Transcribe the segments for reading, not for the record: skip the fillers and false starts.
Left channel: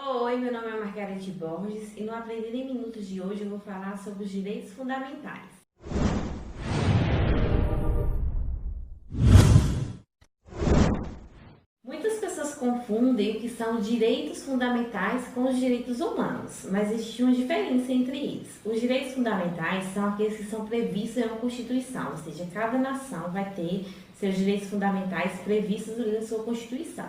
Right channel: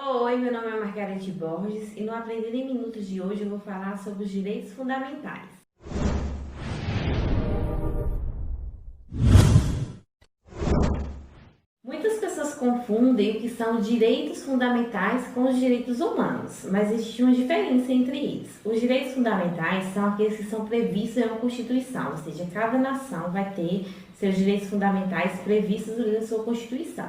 Oi, meu nome é Margarete Borges e no Aprender em Minutos de hoje eu vou falar sobre os direitos fundamentais. Muitas pessoas confundem o que são direitos fundamentais com os direitos humanos, mas existe uma diferença entre eles. Os direitos fundamentais são aqueles que são previstos na Constituição, ou seja, cada nação vai ter seus direitos fundamentais previstos na sua Constituição.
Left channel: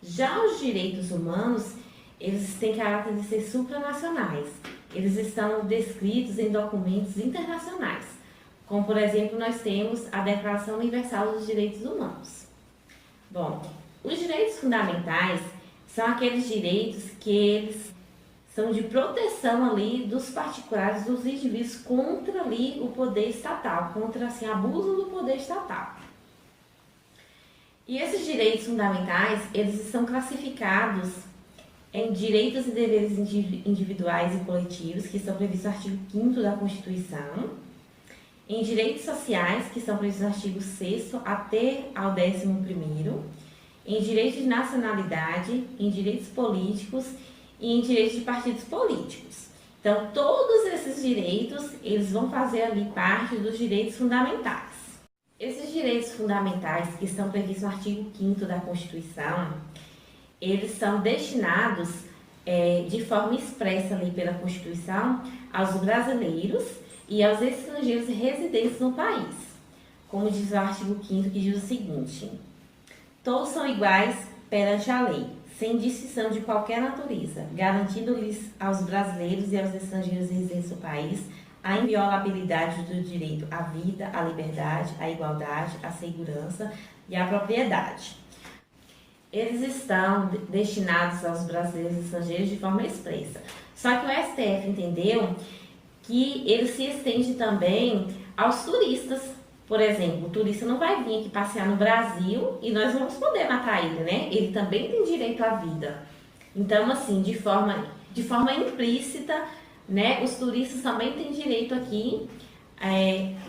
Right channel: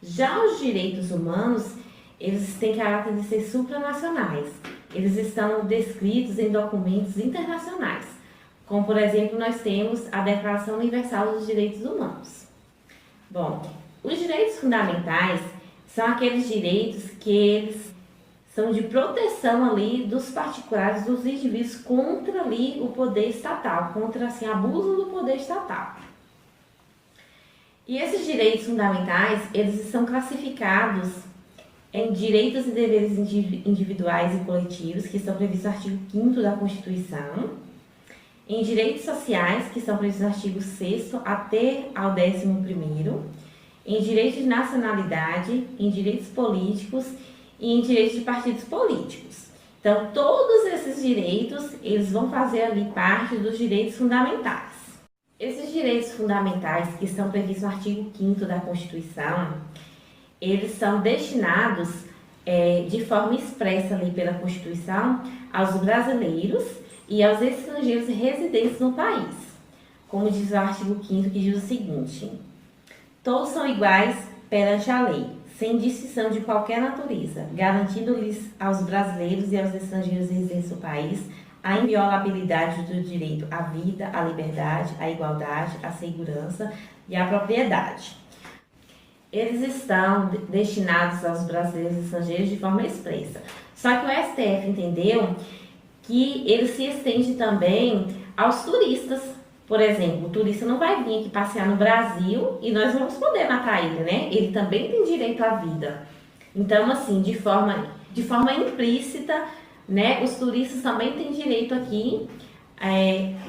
Já os direitos humanos, eles têm caráter de ser supranacionais. Eles estão descritos em documentos internacionais, como, por exemplo, nós temos a Declaração Universal dos Direitos Humanos. Bom, os direitos fundamentais são aqueles direitos que eles são de proteção ali dos particulares, dos indivíduos contra ali o poder estatal, contra assim, abuso do poder estatal. E esses direitos fundamentais, eles são classificados em direitos e deveres individuais e coletivos, que são previstos no artigo 5º da Constituição, em direitos sociais, que são previstos no artigo 6º até ao 11º, em direitos de nacionalidade, em direitos políticos e em direitos de partidos políticos. Então, todos esses direitos, eles vão fazer ali parte dos direitos fundamentais. Esses direitos fundamentais que estão previstos no artigo 5º da Constituição, eles são destinados de forma expressa ali pela Constituição aos brasileiros e aos estrangeiros residentes no país. Como diz o artigo 5º, que diz o seguinte: todos são iguais perante a lei, sem distinção de qualquer natureza, garantindo-lhes aos brasileiros e aos estrangeiros residentes no país a inviolabilidade do direito à vida, à liberdade, à igualdade, à segurança e à propriedade. Eles estão destinados aos brasileiros e estrangeiros de forma expressa. Só que o STF entendeu que ele se estende também aos turistas. Por exemplo, o turista não vai vir aqui passear no Brasil e nós vamos poder matar ele, né? Ele também tem direito à vida. Então, assim, de forma implícita, né, os turistas também têm direito aqui,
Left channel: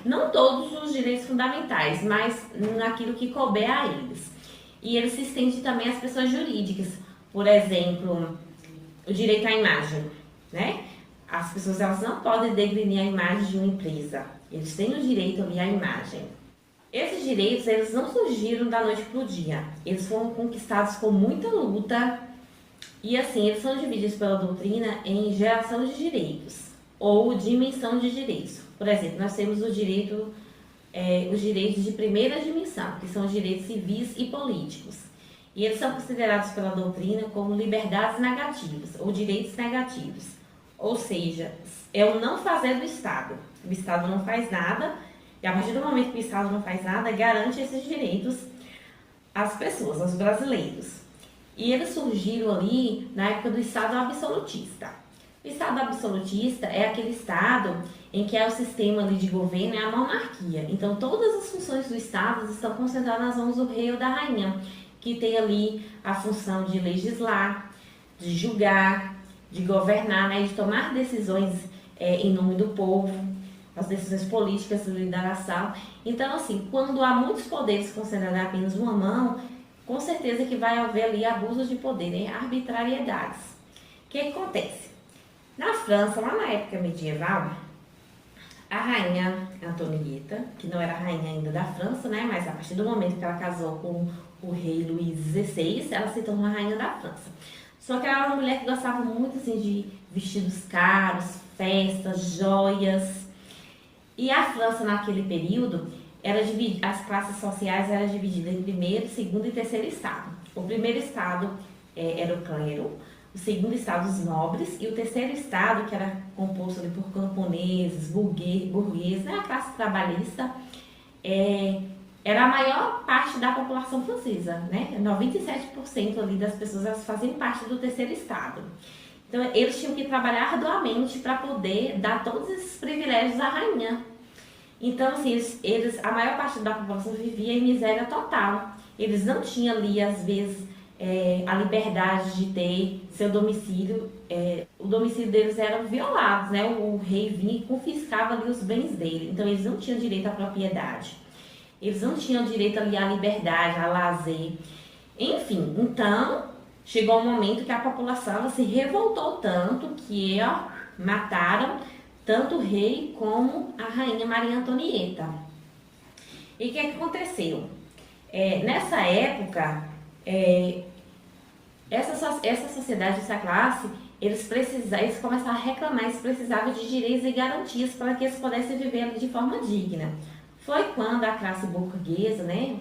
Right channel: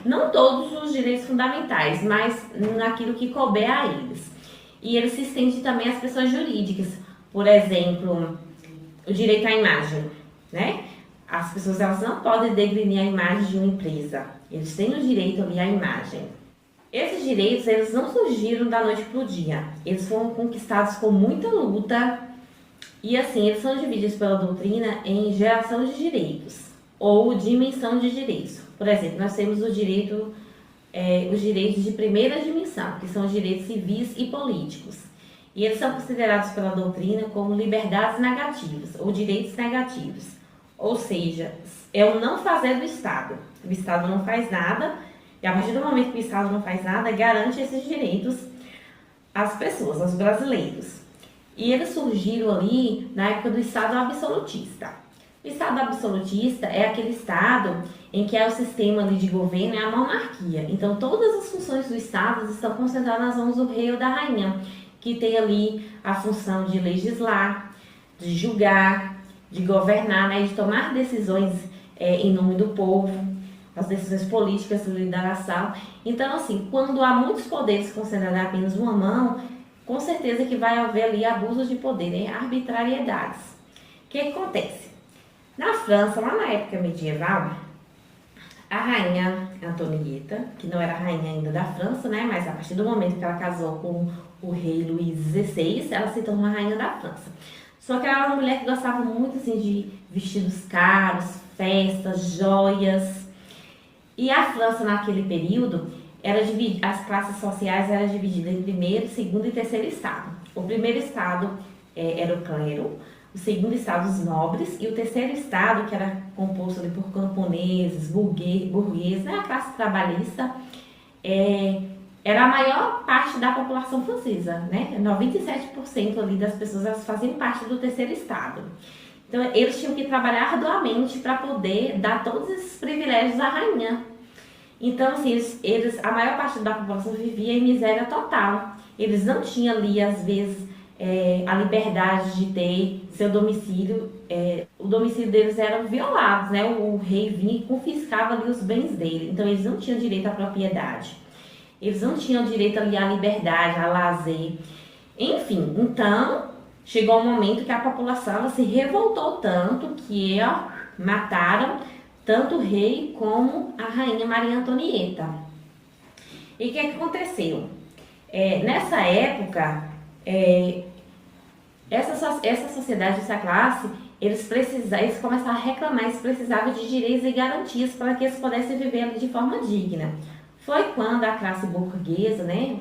não todos os direitos fundamentais, mas naquilo que couber a eles. E ele se estende também às pessoas jurídicas. Por exemplo, o direito à imagem, né? As pessoas elas não podem degrenir a imagem de uma empresa. Eles têm o direito ali à imagem. Esses direitos, eles não surgiram da noite para o dia. Eles foram conquistados com muita luta. E assim, eles são divididos pela doutrina em geração de direitos ou dimensão de direitos. Por exemplo, nós temos os direitos de primeira dimensão, que são os direitos civis e políticos. E eles são considerados pela doutrina como liberdades negativas ou direitos negativos. Ou seja, é o não fazer do Estado. O Estado não faz nada, e a partir do momento que o Estado não faz nada, garante esses direitos às pessoas, aos brasileiros. E eles surgiram ali na época do Estado absolutista. O Estado absolutista é aquele Estado em que o sistema ali de governo é a monarquia. Então, todas as funções do Estado estão concentradas nas mãos do rei ou da rainha, que tem ali a função de legislar, de julgar, de governar, né, de tomar decisões em nome do povo, as decisões políticas da nação. Então, assim, quando há muitos poderes concentrados em apenas uma mão, com certeza que vai haver ali abuso de poder, né, arbitrariedades. O que acontece? Na França, lá na época medieval, a rainha Antonieta, que não era rainha ainda da França, né, mas a partir do momento que ela casou com o rei Luís XVI, ela se tornou a rainha da França. Só que ela era uma mulher que gostava muito assim, de vestidos caros, festas, joias. E a França, naquele período, as classes sociais eram divididas em primeiro, segundo e terceiro estado. O primeiro estado era o clero, o segundo estado os nobres, e o terceiro estado, que era composto ali por camponeses, burgueses, né, a classe trabalhista, era a maior parte da população francesa, né? 97% ali das pessoas elas faziam parte do terceiro estado. Então, eles tinham que trabalhar arduamente para poder dar todos esses privilégios à rainha. Então, assim, a maior parte da população vivia em miséria total. Eles não tinham ali, às vezes, a liberdade de ter seu domicílio. O domicílio deles era violado, né? O rei vinha e confiscava ali os bens dele. Então, eles não tinham direito à propriedade. Eles não tinham direito ali à liberdade, a lazer. Enfim, então, chegou um momento que a população ela se revoltou tanto que mataram tanto o rei como a rainha Maria Antonieta. E o que aconteceu? Nessa época, essa sociedade, essa classe, eles começaram a reclamar, eles precisavam de direitos e garantias para que eles pudessem viver de forma digna. Foi quando a classe burguesa, né,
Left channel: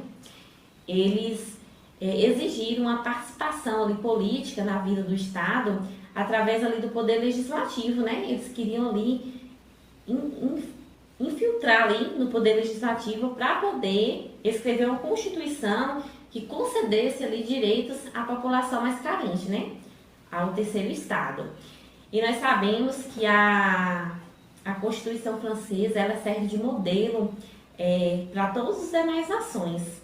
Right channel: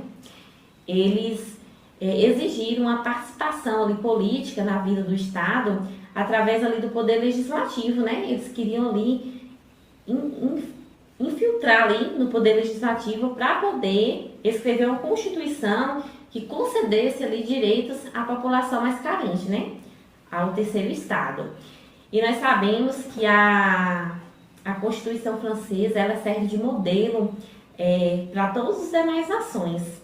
eles exigiram uma participação ali, política na vida do Estado através ali do poder legislativo, né? Eles queriam ali infiltrar ali no poder legislativo para poder escrever uma constituição que concedesse ali direitos à população mais carente, né? Ao terceiro Estado. E nós sabemos que a Constituição francesa ela serve de modelo para todas as demais nações.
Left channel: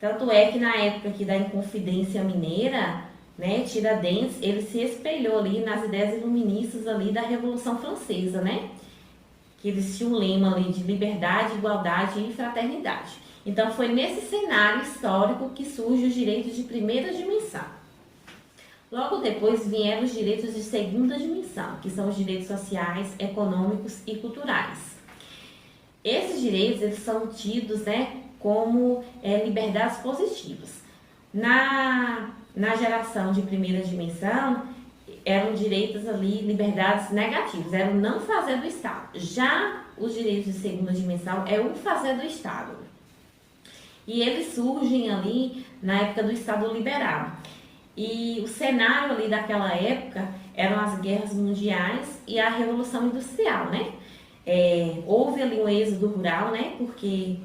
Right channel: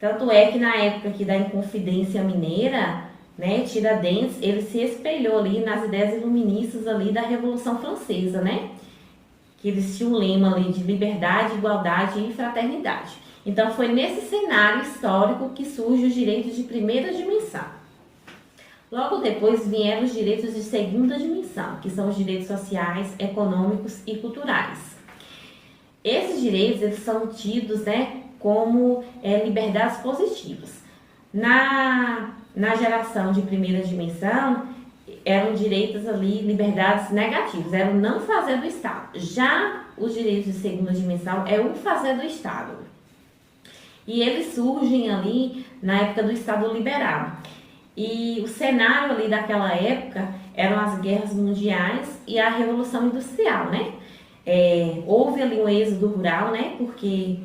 Tanto é que na época aqui da Inconfidência Mineira, né, Tiradentes, ele se espelhou ali nas ideias iluministas ali da Revolução Francesa, né? Que eles tinham um lema ali de liberdade, igualdade e fraternidade. Então foi nesse cenário histórico que surgem os direitos de primeira dimensão. Logo depois vieram os direitos de segunda dimensão, que são os direitos sociais, econômicos e culturais. Esses direitos eles são tidos, né, como liberdades positivas. Na geração de primeira dimensão, eram direitos ali, liberdades negativas, era o não fazer do Estado. Já os direitos de segunda dimensão é o fazer do Estado. E eles surgem ali na época do Estado liberal. E o cenário ali daquela época eram as guerras mundiais e a Revolução Industrial, né? Houve ali um êxodo rural, né? Porque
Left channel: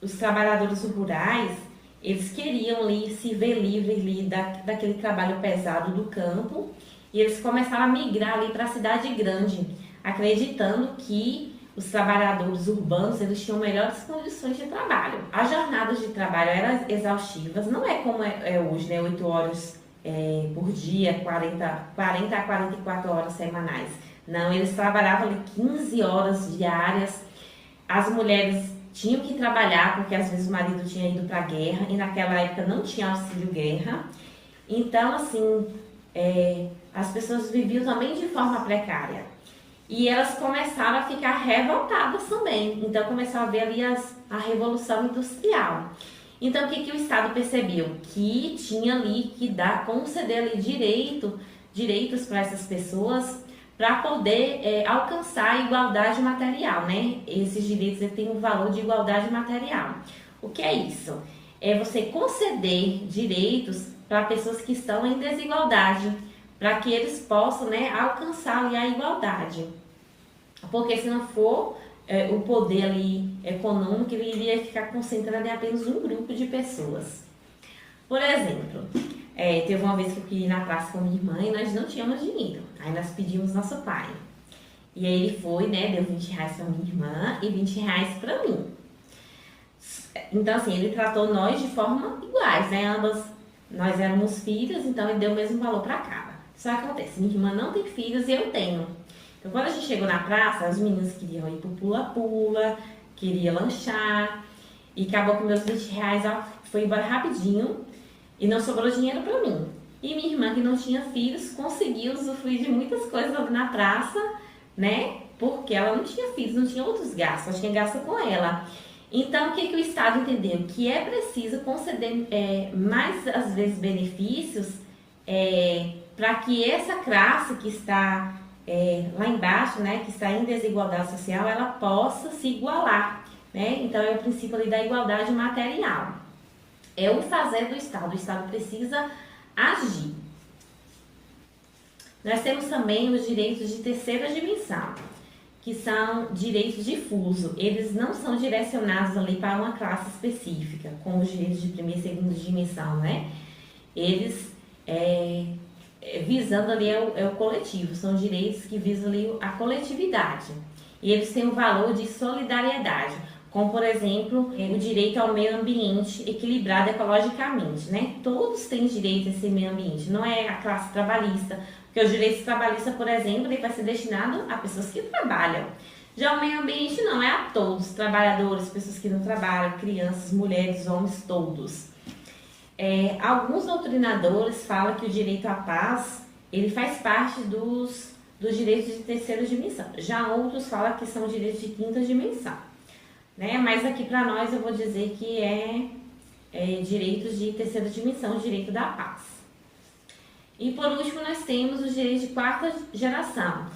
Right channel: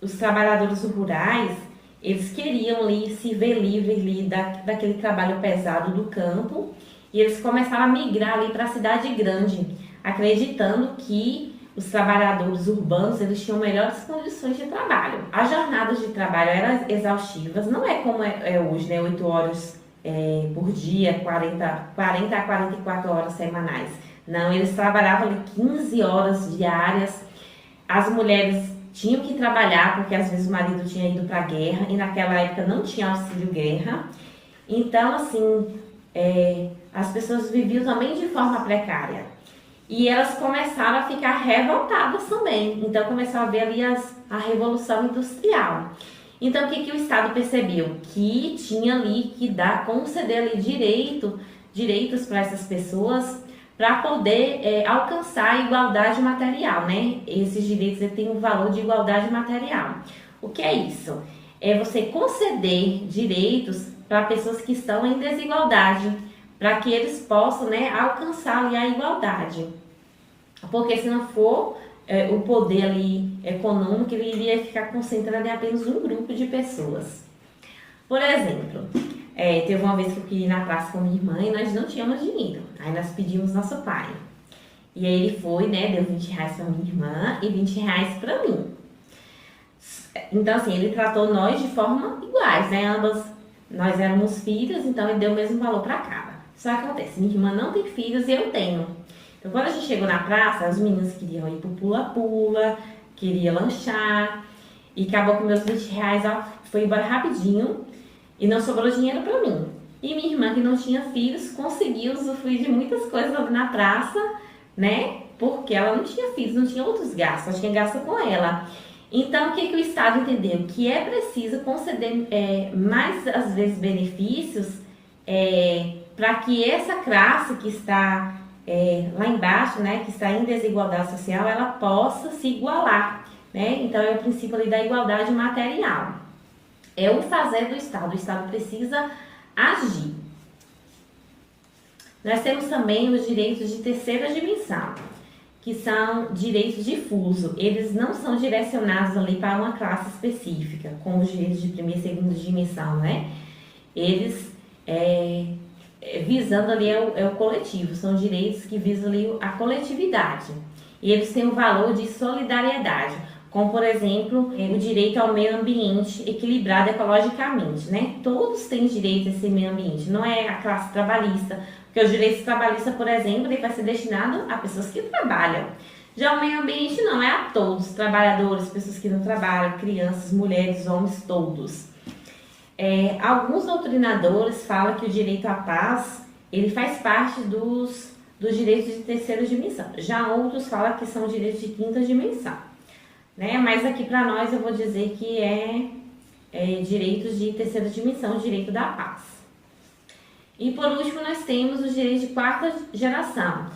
os trabalhadores rurais, eles queriam ali se ver livres ali daquele trabalho pesado do campo e eles começaram a migrar ali para a cidade grande, acreditando que os trabalhadores urbanos eles tinham melhores condições de trabalho. As jornadas de trabalho eram exaustivas, não é como é hoje, né? 8 horas por dia, 40 a 44 horas semanais. Não, eles trabalhavam ali 15 horas diárias. As mulheres tinham que trabalhar porque às vezes o marido tinha ido para a guerra e naquela época não tinha auxílio guerra. Então, assim, as pessoas viviam também de forma precária. E elas começaram a ficar revoltadas também. Então, começou a haver ali a Revolução Industrial. Então, o que o Estado percebeu? Que tinha ali que conceder ali direitos para essas pessoas para poder alcançar a igualdade material, né? Esses direitos têm um valor de igualdade material. O que é isso? É você conceder direitos para pessoas que estão em desigualdade, para que eles possam, né, alcançar ali a igualdade. Porque se não for o poder ali econômico, ele iria ficar concentrado em apenas um grupo de pessoas. Por exemplo, teve uma vez que eu fui na praça com minha irmã e nós não tínhamos dinheiro. Aí nós pedimos nosso pai. E aí ele foi, né, deu 20 reais para minha irmã e 20 reais para mim. Então, assim, ele tratou nós de forma iguais, né? Nós éramos filhos, então ele deu o mesmo valor para cada. Só que acontece, minha irmã não tem filhos e eu tenho. Então, quando a gente chegou na praça, as meninas queriam ir pro pula-pula, queriam lanchar, e acabou com meus 20 reais, ela foi embora rapidinho, e não sobrou dinheiro para mim. E minha irmã, que não tinha filhos, conseguiu usufruir de muitas coisas ali na praça, né? Porque ela não tinha filhos, não tinha outros gastos, só tinha gasto com ela. Então, o que o Estado entendeu? Que é preciso conceder mais, às vezes, benefícios para que essa classe que está lá embaixo, né, que está em desigualdade social, ela possa se igualar, né? Então, é o princípio ali da igualdade material. É o fazer do Estado. O Estado precisa agir. Nós temos também os direitos de terceira dimensão, que são direitos difusos. Eles não são direcionados ali para uma classe específica, como os direitos de primeira e segunda dimensão, né? Eles, visando ali o coletivo, são direitos que visam ali a coletividade. E eles têm um valor de solidariedade, como, por exemplo, o direito ao meio ambiente equilibrado ecologicamente, né? Todos têm direito a esse meio ambiente, não é a classe trabalhista, porque os direitos trabalhistas, por exemplo, ele vai ser destinado a pessoas que trabalham. Já o meio ambiente não é a todos, trabalhadores, pessoas que não trabalham, crianças, mulheres, homens, todos. Alguns doutrinadores falam que o direito à paz ele faz parte dos direitos de terceira dimensão. Já outros falam que são direitos de quinta dimensão. Né? Mas aqui para nós eu vou dizer que direitos de terceira dimensão, direito da paz. E por último nós temos os direitos de quarta geração,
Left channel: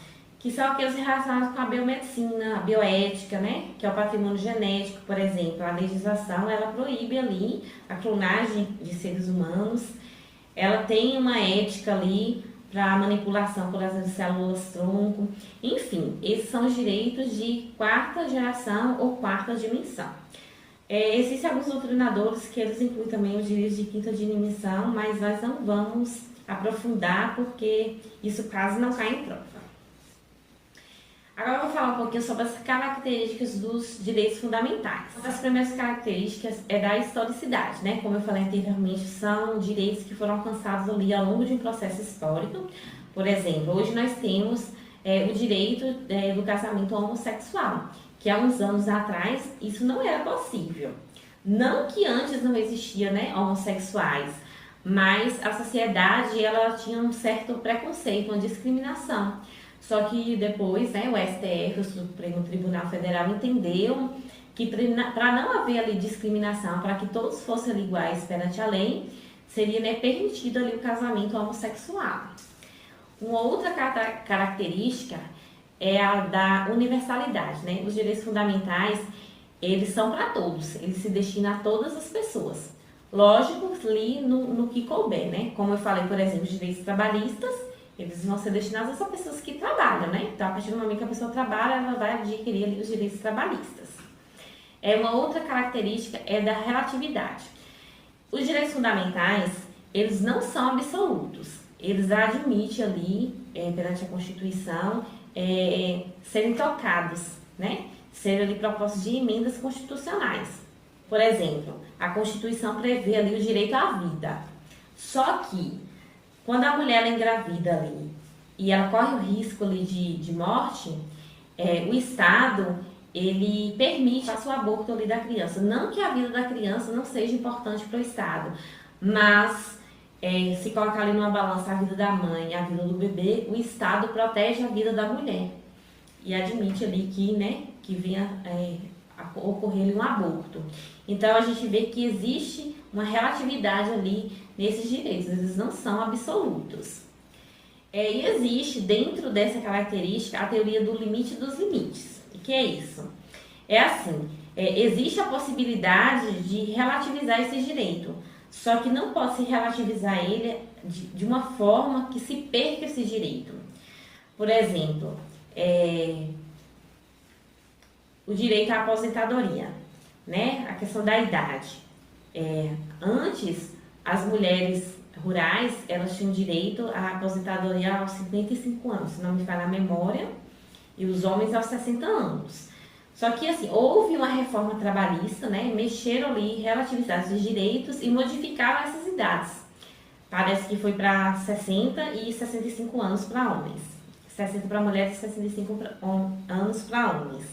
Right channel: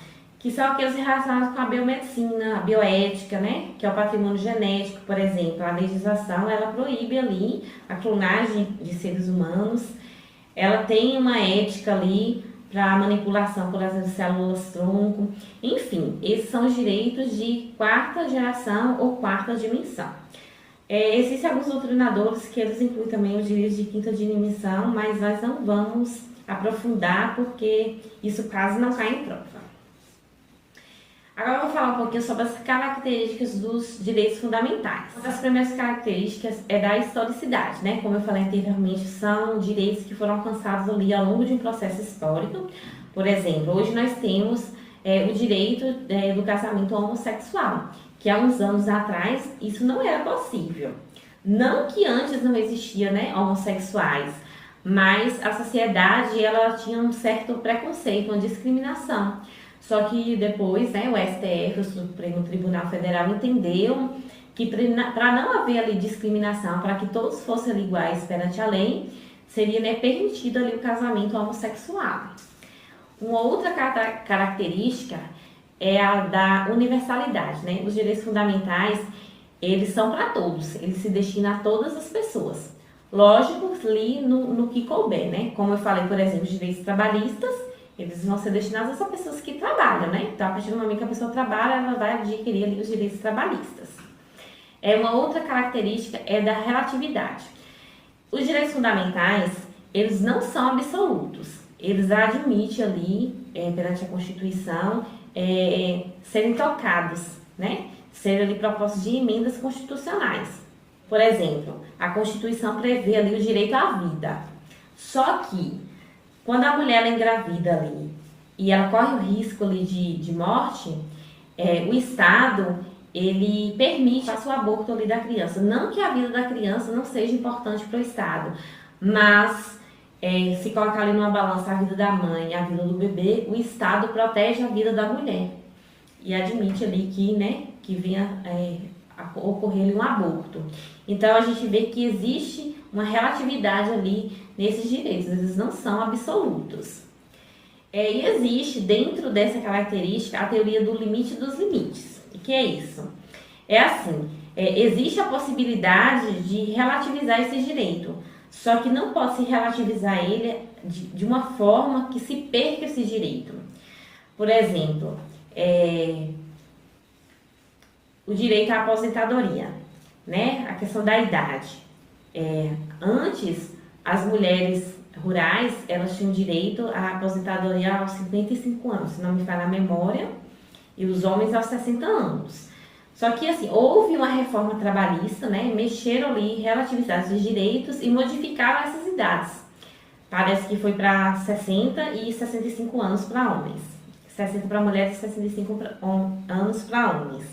que são aqueles relacionados com a biomedicina, a bioética, né? Que é o patrimônio genético, por exemplo. A legislação, ela proíbe ali a clonagem de seres humanos. Ela tem uma ética ali para manipulação, por exemplo, de células-tronco. Enfim, esses são os direitos de quarta geração ou quarta dimensão. Existem alguns doutrinadores que eles incluem também os direitos de quinta dimensão, mas nós não vamos aprofundar porque isso quase não cai em prova. Agora eu vou falar um pouquinho sobre as características dos direitos fundamentais. Uma das primeiras características é da historicidade, né? Como eu falei anteriormente, são direitos que foram alcançados ali ao longo de um processo histórico. Por exemplo, hoje nós temos o direito do casamento homossexual, que há uns anos atrás isso não era possível. Não que antes não existia, né, homossexuais, mas a sociedade ela tinha um certo preconceito, uma discriminação. Só que depois, né, o STF, o Supremo Tribunal Federal, entendeu que para não haver ali discriminação, para que todos fossem ali iguais perante a lei, seria, né, permitido ali o casamento homossexual. Uma outra característica é a da universalidade, né? Os direitos fundamentais, eles são para todos, eles se destinam a todas as pessoas. Lógico, ali no que couber, né? Como eu falei, por exemplo, os direitos trabalhistas, eles vão ser destinados a pessoas que trabalham, né? Então, a partir do momento que a pessoa trabalha, ela vai adquirir ali os direitos trabalhistas. Uma outra característica é da relatividade. Os direitos fundamentais, eles não são absolutos. Eles admitem ali, perante a Constituição, serem tocados, né? Serem ali propostos de emendas constitucionais. Por exemplo, a Constituição prevê ali o direito à vida. Só que, quando a mulher ela engravida ali e ela corre o risco ali de morte, o Estado ele permite o aborto ali da criança. Não que a vida da criança não seja importante para o Estado, mas se colocar ali numa balança a vida da mãe e a vida do bebê, o Estado protege a vida da mulher e admite ali que venha ocorrer ali um aborto. Então a gente vê que existe uma relatividade ali nesses direitos, eles não são absolutos. E existe dentro dessa característica a teoria do limite dos limites. O que é isso? Existe a possibilidade de relativizar esse direito, só que não pode se relativizar ele de uma forma que se perca esse direito. Por exemplo, o direito à aposentadoria, né? A questão da idade. Antes, as mulheres rurais, elas tinham direito à aposentadoria aos 55 anos, se não me falha a memória, e os homens aos 60 anos. Só que, assim, houve uma reforma trabalhista, né? Mexeram ali, relativizaram os direitos e modificaram essas idades. Parece que foi para 60 e 65 anos para homens. 60 para mulheres e 65 anos para homens.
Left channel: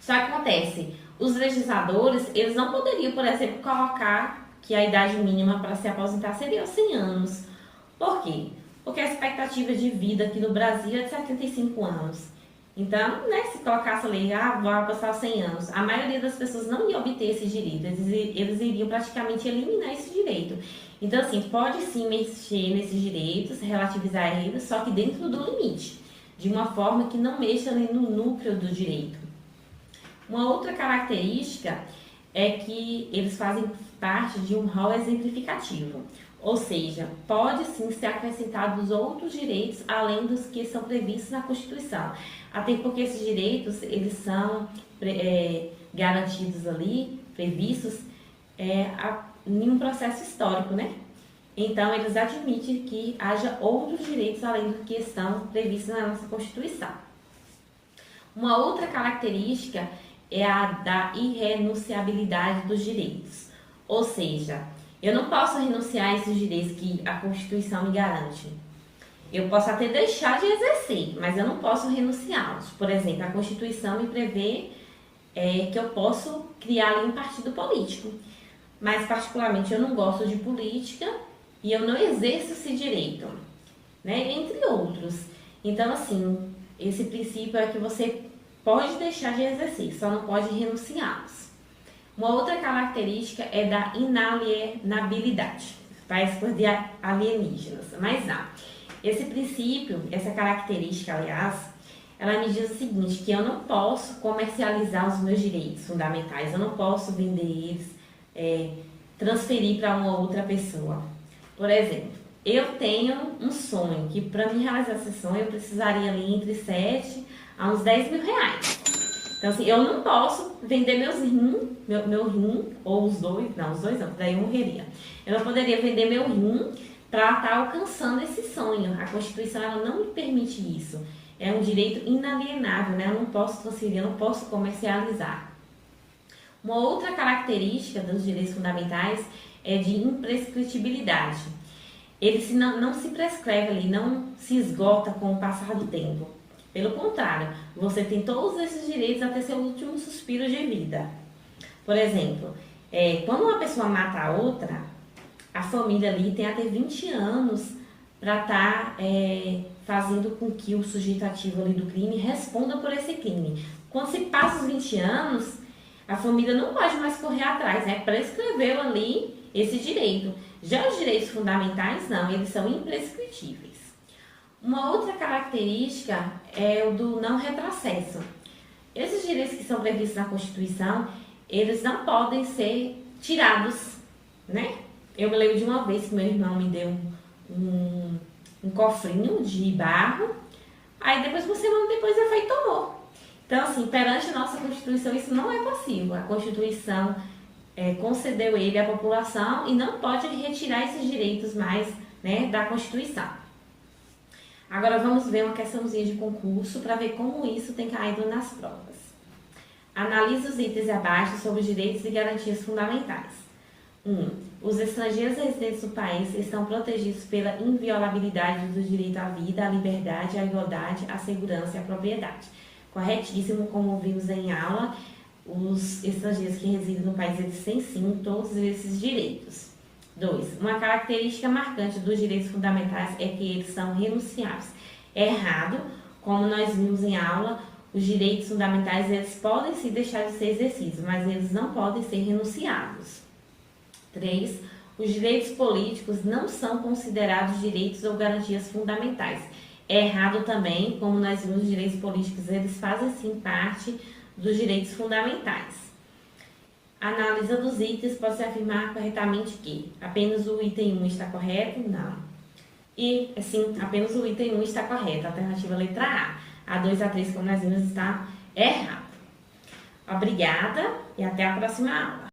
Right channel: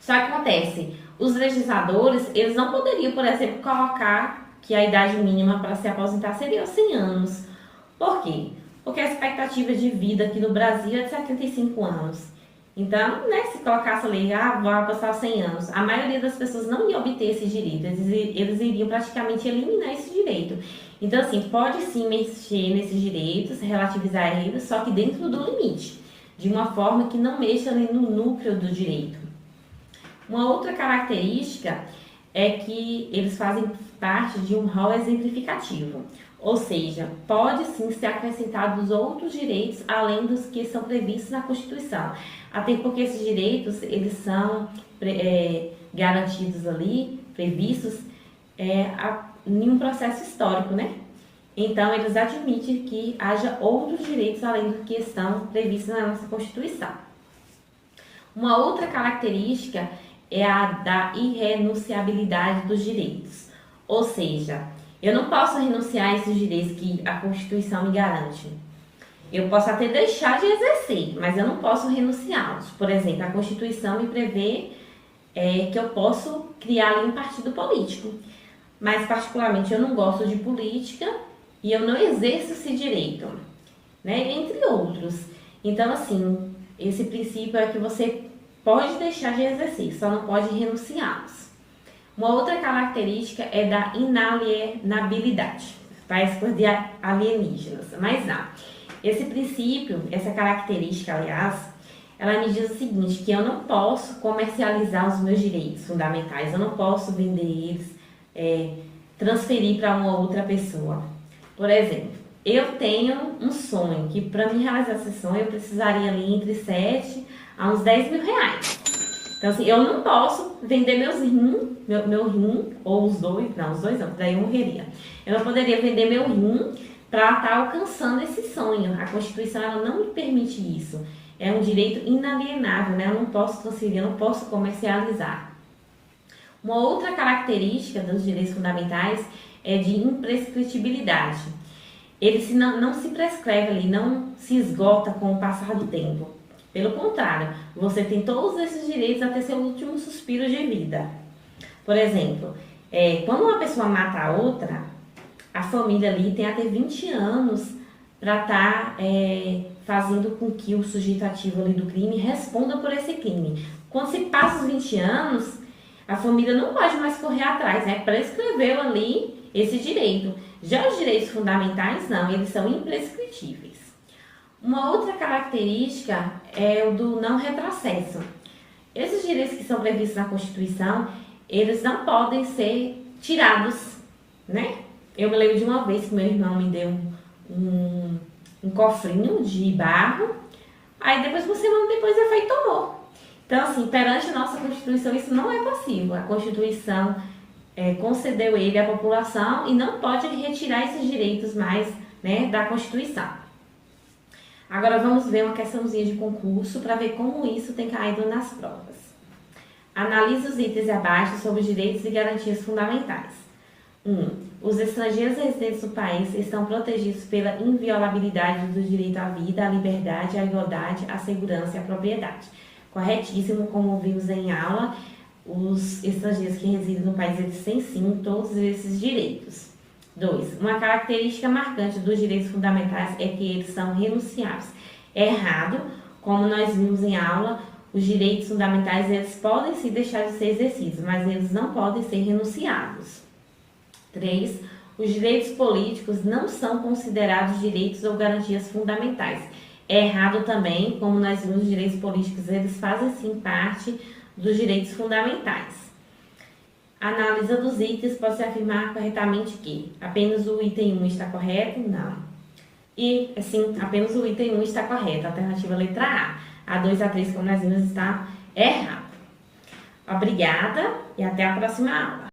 Só que acontece, os legisladores, eles não poderiam, por exemplo, colocar que a idade mínima para se aposentar seria 100 anos. Por quê? Porque a expectativa de vida aqui no Brasil é de 75 anos. Então, né, se colocasse ali, vou apostar 100 anos, a maioria das pessoas não ia obter esse direito, eles iriam praticamente eliminar esse direito. Então, assim, pode sim mexer nesses direitos, relativizar eles, só que dentro do limite, de uma forma que não mexa ali no núcleo do direito. Uma outra característica é que eles fazem parte de um rol exemplificativo, ou seja, pode sim ser acrescentados outros direitos além dos que são previstos na Constituição, até porque esses direitos eles são garantidos ali, previstos em um processo histórico, né? Então eles admitem que haja outros direitos além do que estão previstos na nossa Constituição. Uma outra característica é a da irrenunciabilidade dos direitos. Ou seja, eu não posso renunciar a esses direitos que a Constituição me garante. Eu posso até deixar de exercer, mas eu não posso renunciá-los. Por exemplo, a Constituição me prevê que eu posso criar ali um partido político. mas particularmente eu não gosto de política e eu não exerço esse direito, né? Entre outros. Então, assim, esse princípio é que você pode deixar de exercer, só não pode renunciá-los. Uma outra característica é da inalienabilidade, parece coisa de alienígenas, mas não. Esse princípio, essa característica, aliás, ela me diz o seguinte, que eu não posso comercializar os meus direitos fundamentais, eu não posso vender eles, transferir para uma outra pessoa. Por exemplo, eu tenho um sonho, que para me realizar esse sonho eu precisaria ali entre 7 a uns 10 mil reais. Então, assim, eu não posso vender meu rim, ou os dois não, daí eu morreria. Eu não poderia vender meu rim para estar alcançando esse sonho. A Constituição ela não me permite isso. É um direito inalienável, né? Eu não posso transferir, eu não posso comercializar. Uma outra característica dos direitos fundamentais é de imprescritibilidade. Ele não se prescreve ali, não se esgota com o passar do tempo. Pelo contrário, você tem todos esses direitos até seu último suspiro de vida. Por exemplo, quando uma pessoa mata a outra, a família ali tem até 20 anos para estar fazendo com que o sujeito ativo ali do crime responda por esse crime. Quando se passa os 20 anos, a família não pode mais correr atrás, né? Prescreveu ali esse direito. Já os direitos fundamentais, não, eles são imprescritíveis. Uma outra característica é o do não retrocesso. Esses direitos que são previstos na Constituição, eles não podem ser tirados, né? Eu me lembro de uma vez que meu irmão me deu um cofrinho de barro, aí depois uma semana depois ele foi e tomou. Então, assim, perante a nossa Constituição, isso não é possível. A Constituição concedeu ele à população e não pode retirar esses direitos mais, né, da Constituição. Agora vamos ver uma questãozinha de concurso para ver como isso tem caído nas provas. Analise os itens abaixo sobre direitos e garantias fundamentais. 1. Os estrangeiros residentes no país estão protegidos pela inviolabilidade do direito à vida, à liberdade, à igualdade, à segurança e à propriedade. Corretíssimo, como vimos em aula, os estrangeiros que residem no país eles têm sim todos esses direitos. 2. Uma característica marcante dos direitos fundamentais é que eles são renunciáveis. É errado, como nós vimos em aula, os direitos fundamentais eles podem sim deixar de ser exercidos, mas eles não podem ser renunciados. 3. Os direitos políticos não são considerados direitos ou garantias fundamentais. É errado também, como nós vimos, os direitos políticos eles fazem sim parte dos direitos fundamentais. A análise dos itens pode-se afirmar corretamente que apenas o item 1 está correto? Não. E, assim, apenas o item 1 está correto. A alternativa letra A. A 2 e a 3, como nós vimos, está errado. Obrigada e até a próxima aula.